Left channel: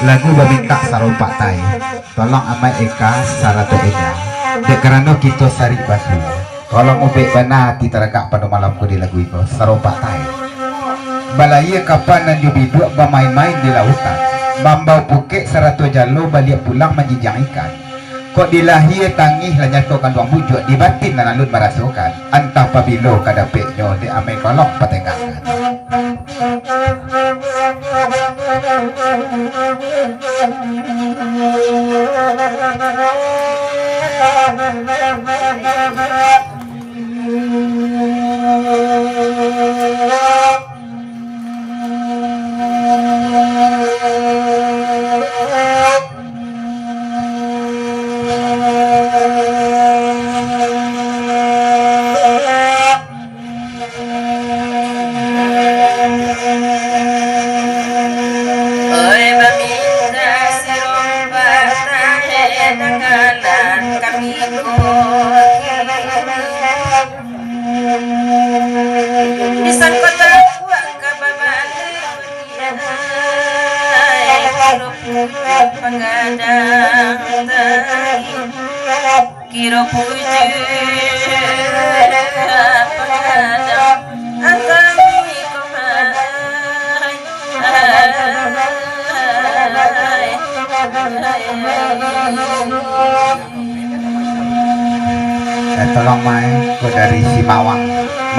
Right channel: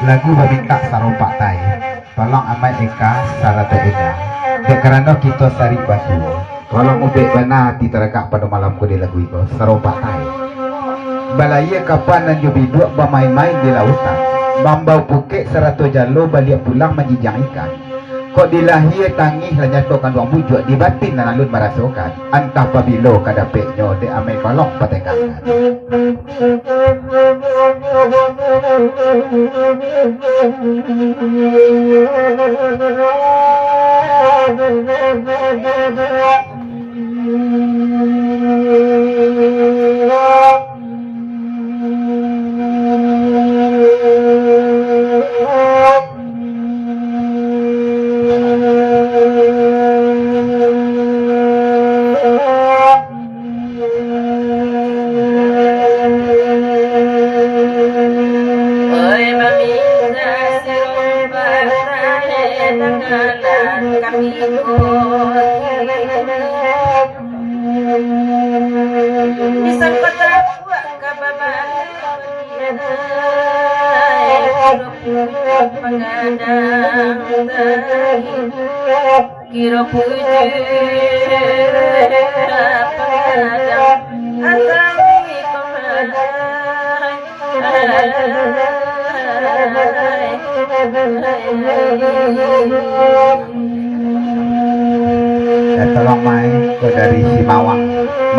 lagu babika saropak tai tolong amai eka saratu eda dek karena kita sari batu tolong ubek bana ti teragak pada malamku di lagu itu saropak tai balaya kapan nan jubi dua bermain-main di lautan bambau pukek saratu jalo balik pulang menjijang ikan kok dilahir tangih lanyat kau kan duang bujuk di batin dan alun merasukan antah pabilo kadapeknya de amai kolong patengakan. Kira puji pengadang atami tolong mai ko dari Simawang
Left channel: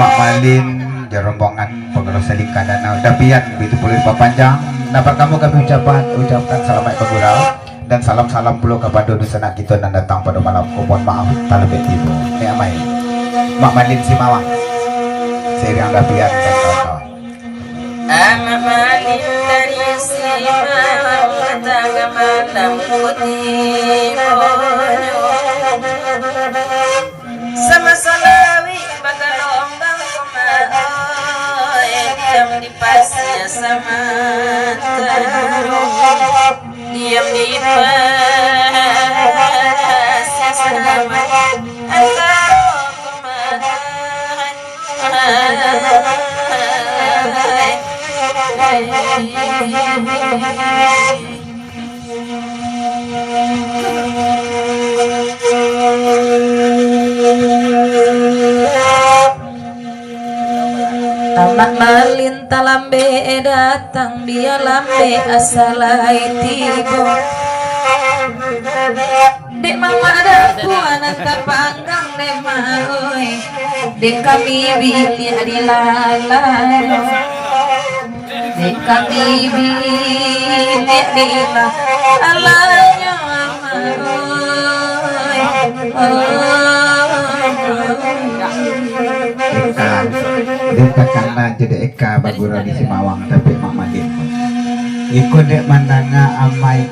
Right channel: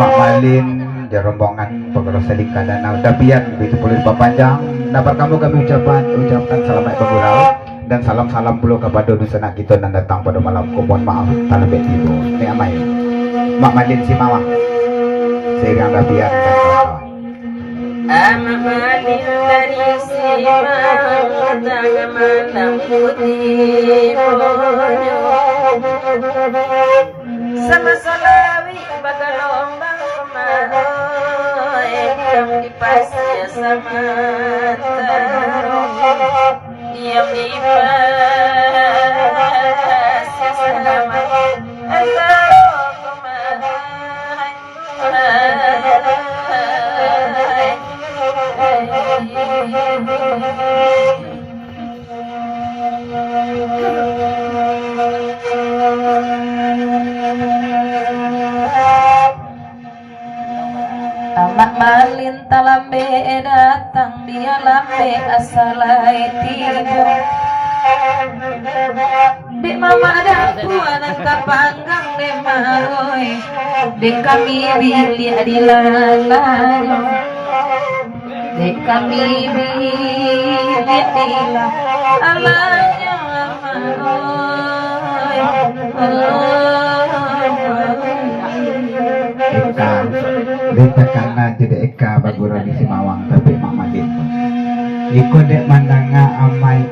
Mak Malin di rombongan pengurus Selika Danau Dapian begitu pulih panjang dapat kamu kami ucapkan selamat pegurau dan salam-salam puluh kepada dusana kita dan datang pada malam mohon maaf talebek tibo ini amai Mak Malin Simawang seiring Dapian dan kawan-kawan Ama Malin dari Simawang tangga malam putih sama salawi bagalombang kumahoy diam di pasir sama diam di pasir sama Amat Malin talambe datang dia lambe asalai tibo dek mama ada kuanan kapanggang dek maoi dek kami bilik di lalalo dek kami bilik di lalanya Eka karena jadi Eka bagura di Simawang tapi Mak Malin Iko dek mandanga amai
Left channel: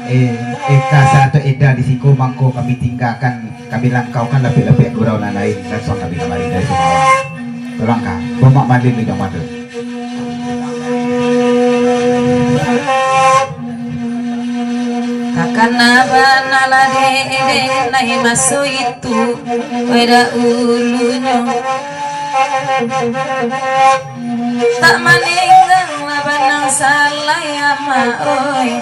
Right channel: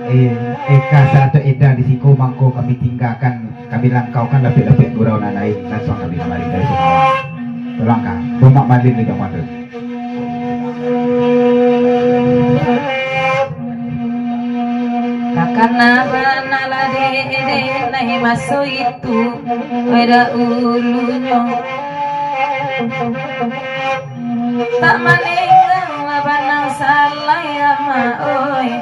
Eka satu eda di siku mangko kami tinggalkan kami langkaukan lapik-lapik gurau lain langsung kami kembali dari Simawang tolong kak Mak Malin di dong madu kakana banala de nai maso itu ada ulunya tak maninggang labanang salaya maoi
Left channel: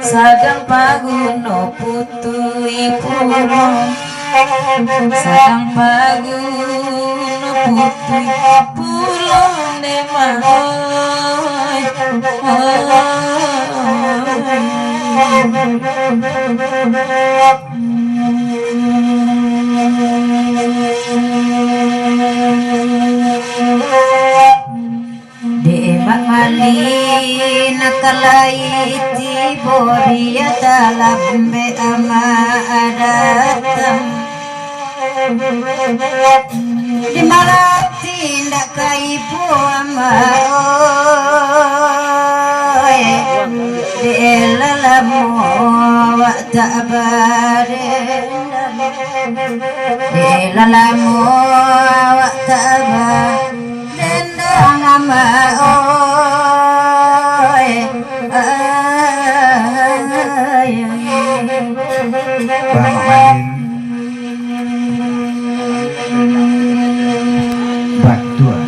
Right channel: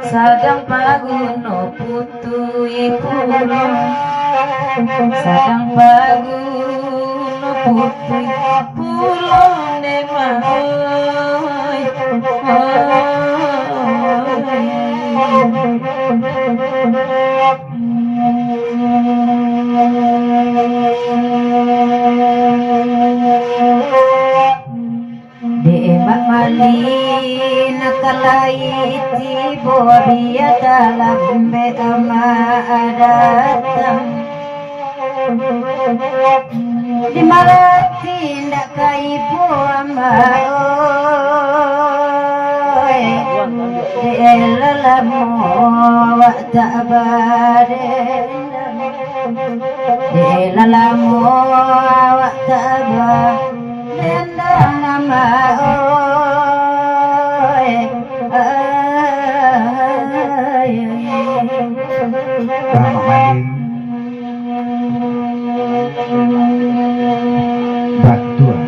sadang paguno putu ipuno sadang paguno putu ipuno de maoi Mak Malin talaiti boria dalam be ama datang di marati ndak kai ibu ama de lelamu wa ta'baden de lelamu wa ta'baden ama Mak Malin Batua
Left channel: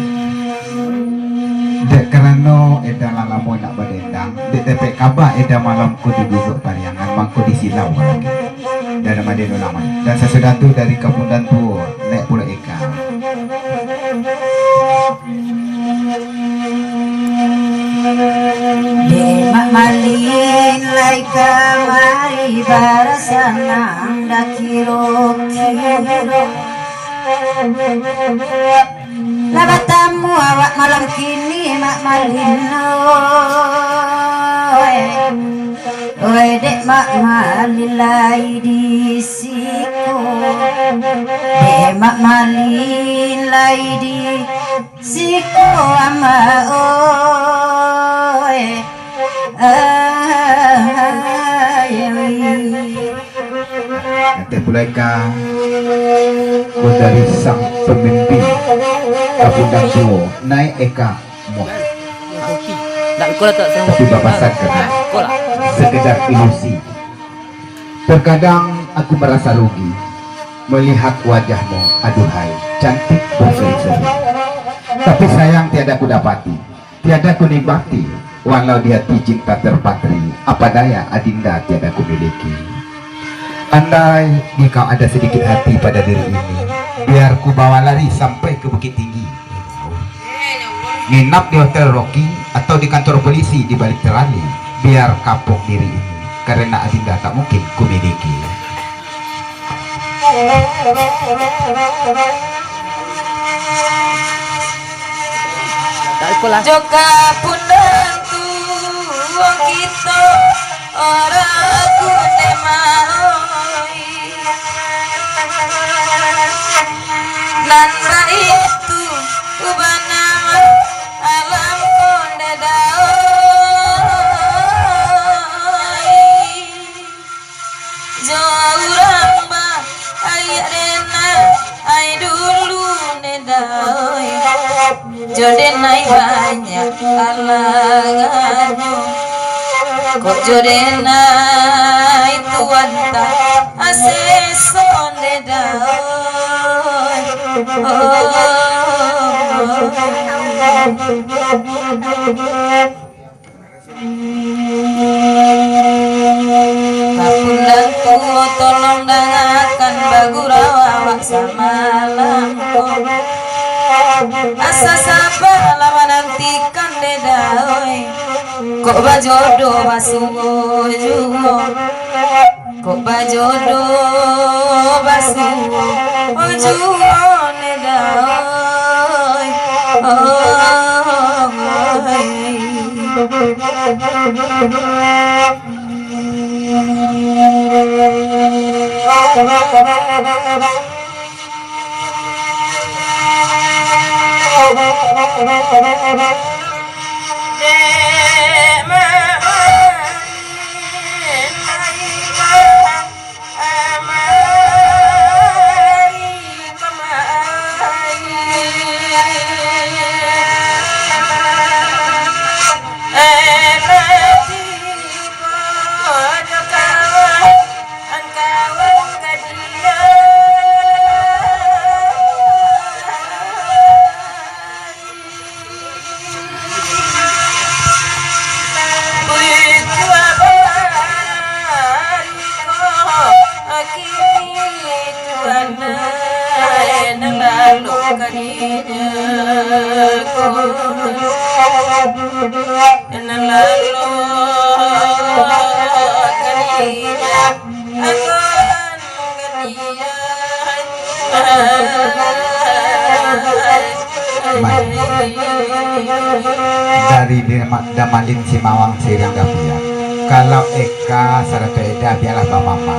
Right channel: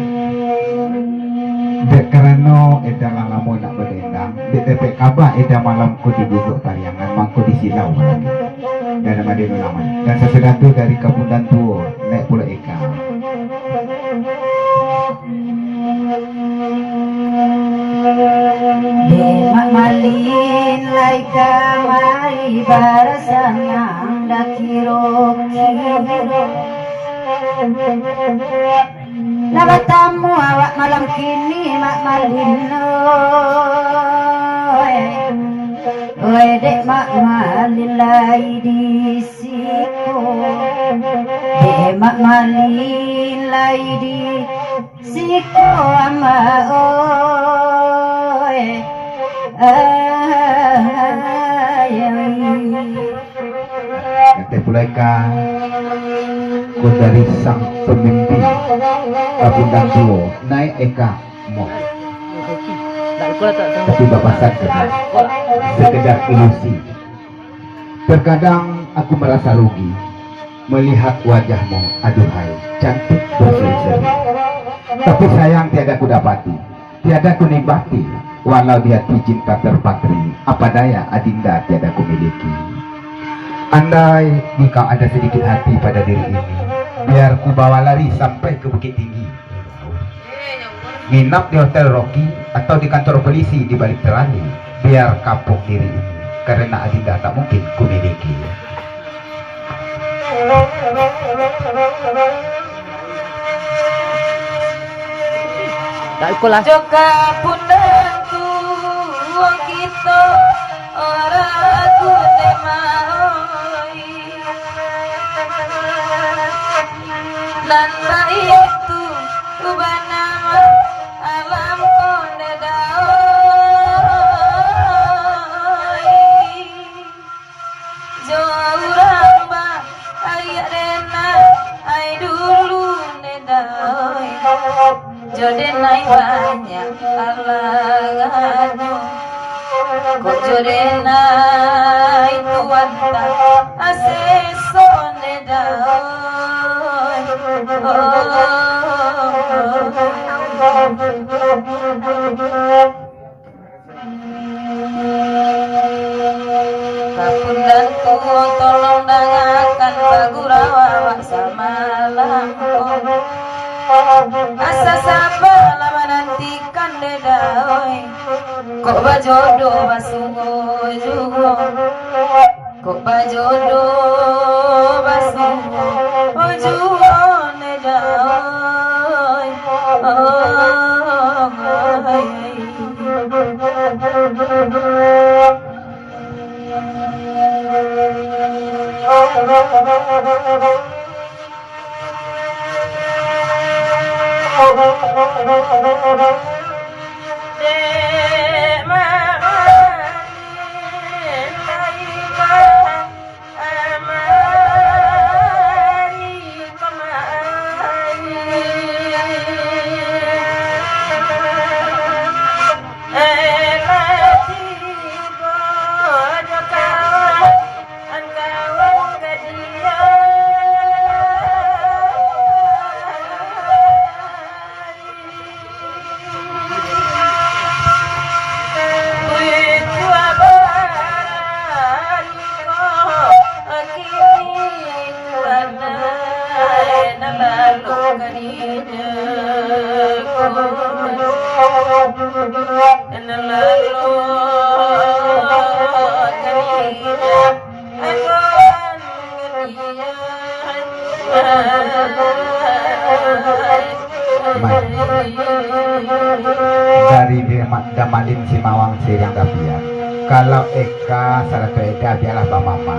dek karena eta lalamu nak badendang dek TPK Abah eda malamku diguguk pariangan mangku disilau lagi dan madeno laman dan sesudah tu dari kabundan tuo naik pula eka Demak malin lai kamari barasanang dakiro kiro Labatamu awak malam kini mak malino Oe dek mak malin lai di siku Dek mak malin lai di siku ama oe nanti pula eka ku dari sang pemimpin kabundan tuo naik eka moh tapi bapak sadar sekedar ilusi. Terkadang aku merasa rugi melihat wajahmu, aduhai, cantik berseri-seri. Tapi sayang tiada ku dapati, tiada ku nikmati, walau di hati cinta terpatri, apa daya adinda tiada ku miliki. Andai jika ada sedikit hati pada diri ini, biar ku bawa lari sampai ke Bukit Tinggi. Nginap di Hotel Rocky atau di kantor polisi di balik terali, biar kapok diri ini karena adinda tak mungkin ku miliki. Joka pundan tu wong kita orang kude maoi nan itu ubana alam konde daoi jorang ba ayat dena ay dulu ne daoi joden naik banyak alanganmu kok joden naik tuanta asesone daoi Kapundan tuo tolong dengarkan bagurawa wak samalamku asa sabar lama nantikan dedai kok bajodoh basuh juo kok bajodoh basuh juo nedai Dari Damalin Simawang Sirang Dapian. Kalau Eka Saratu Eda biarlah Mbak Mama.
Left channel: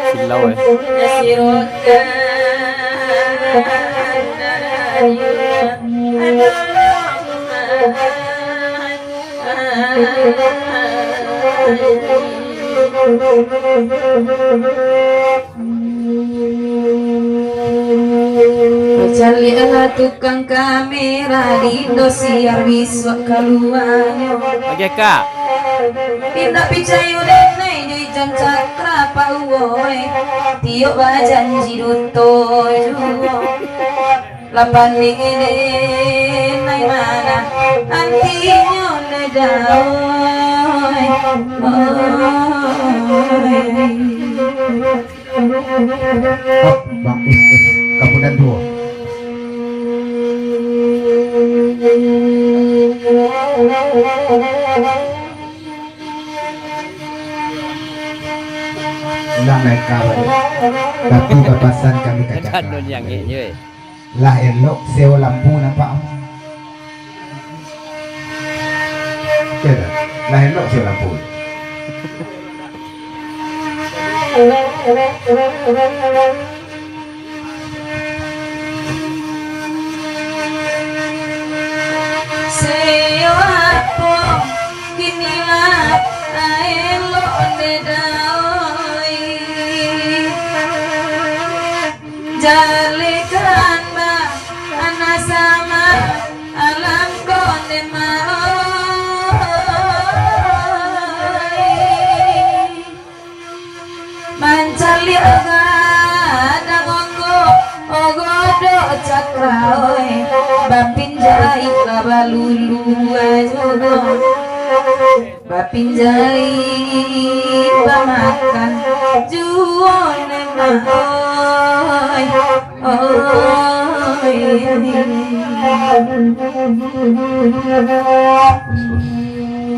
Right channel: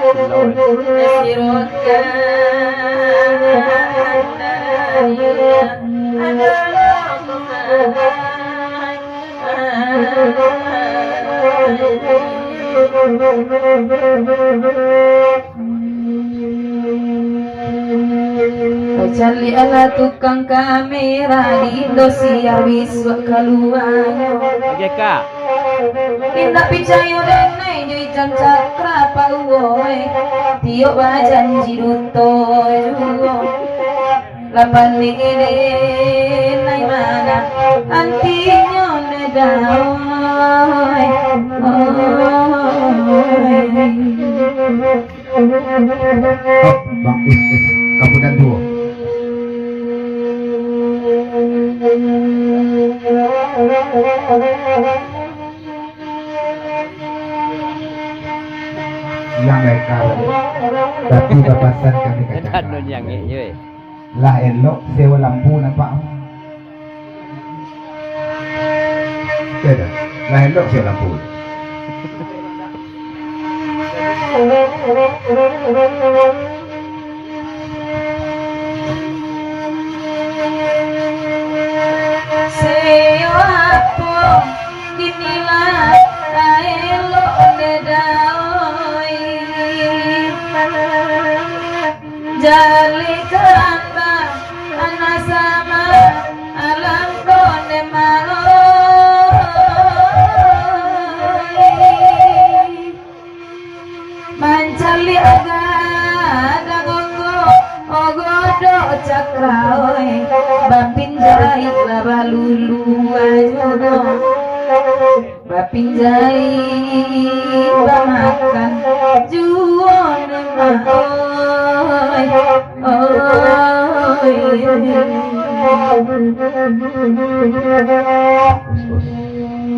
Silau eh. Nasirokan Cali ala tukang kamera di Indosiar biswa kaluanyo Oke kak. Tindak picayo denai di jam cakra pauwoy Tiyo bajan jiruto juwo Lapan ini nai mana antinyo nedaoy Hop, bagus. Kemudian dua. Yang mereka tapi babasan kami Kan katakan nun yang ini. lah elok sewa lampu nampak kira lah elok sewa lampu Seyo apo kinilah aelo dedaoi Jalikan ba ana sama alam konde maoi Mancali aga dangongo ogodo cakraoi Bapinjai babalulu ajudo Bapinjai bamakan juone maoi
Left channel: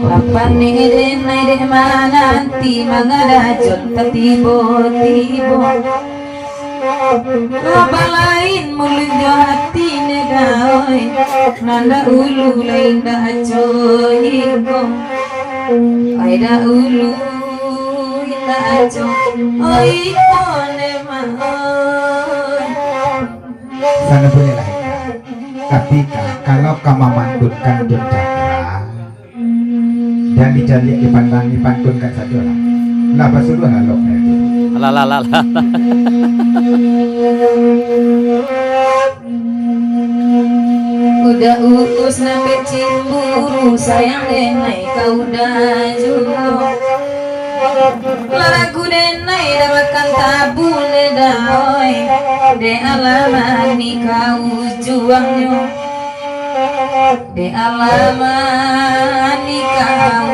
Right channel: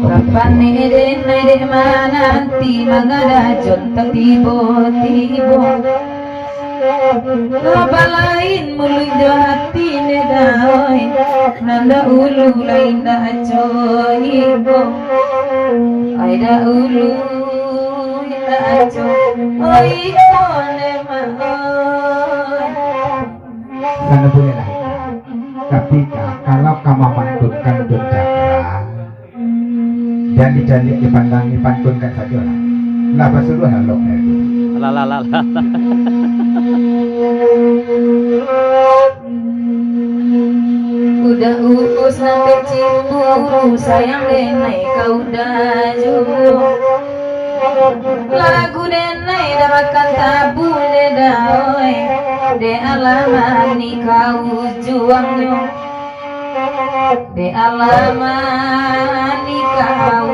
Lapan ede naide mananti mangadajon tertibo-tibo Laba lain mulu hati nedaoi Nanda ulu lain da cohigo Aida ulu ita aco Oito nemaoi sana boleh lah tapi kalau kamu mantutkan Jon Cakra dan dijalik dipandangkan saja lah basuruh halok lagi Lah. Udah uus sampai Ciburu sayang denai kau udah juga Lagu denai dapatkan tabun dedaoi De alaman ni kau juangnya De alaman ni kau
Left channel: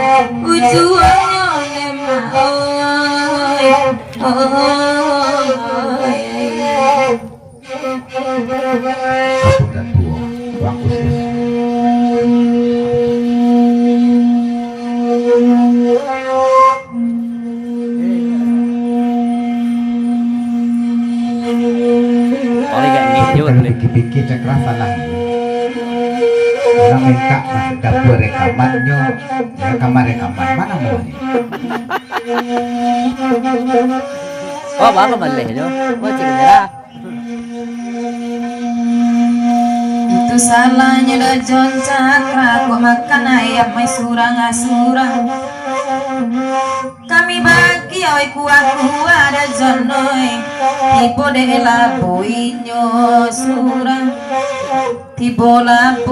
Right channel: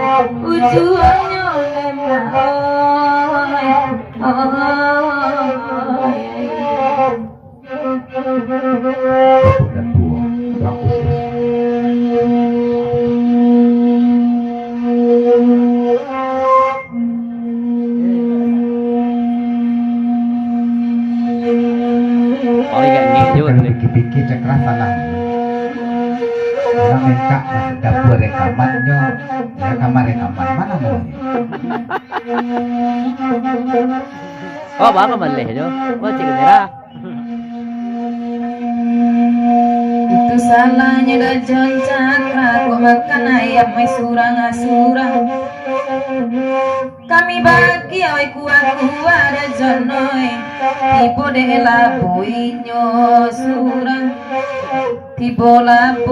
juangnya nemaoi dan dua bagus Orang yang ini juga. kalau pikir-pikir Cakra salah orang minta dapur rekamannya rekaman mana mau Oh baka malih jo. Oh cik kamera. Itu salahnya dah Jon Cakra kok makan ayam mai surang-surang Kami bagi oi kuah-kuah ada jonoi Tibo de labuinyo surang Tibo labuinyo